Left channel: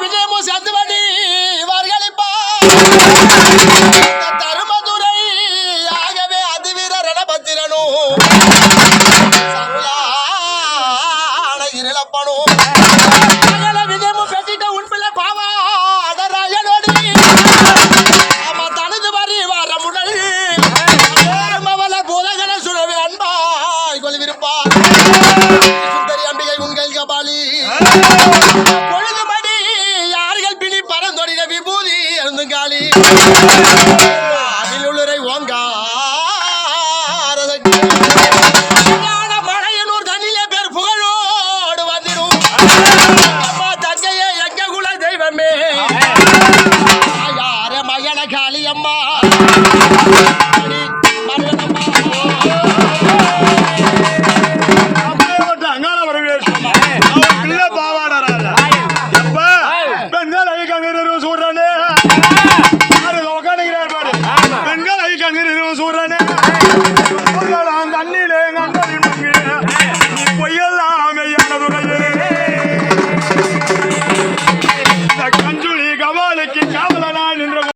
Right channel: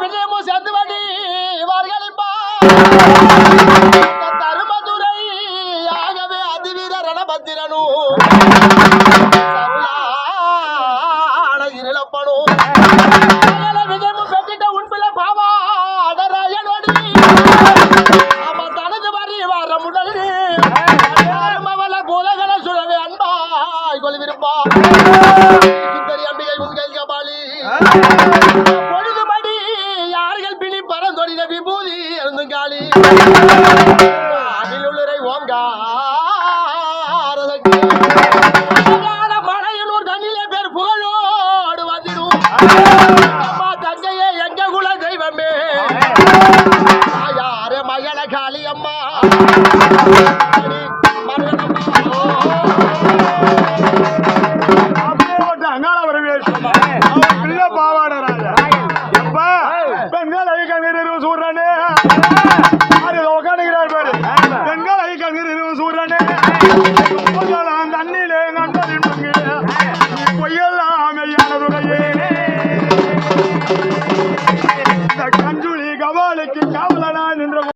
விஜயமும் சேர்ந்து வண்டி வார்களிப்பா தருமதுரை ஆகவே அதிவீர ரணபத்திரனும் சருளான இழப்பனும் விஜயமும் பெற்றிட்ட உண்பிள்ளை பாவாடராயனோடு ஆமா தனது வரி வர முடல் மவள பூதகர சுழவே அன்பாய் கொள்விருப்பா சுந்தரி அம்பிகை உங்கள் கபாலி பொழுதுபடி யார்கள் பிணி பரந்தொடின விபூதி எழுந்துங்காலி அதிலுள்ளரை ஓங்காரதற்கு மழையனூர் தண்ணிலே பேர் புகழோடு வந்திடும் அம்மா தங்கையே எங்க குல தெய்வமே யாரே மகள காளி அம்மா பெண்கள் ஐ கண்ணீர் சூறானே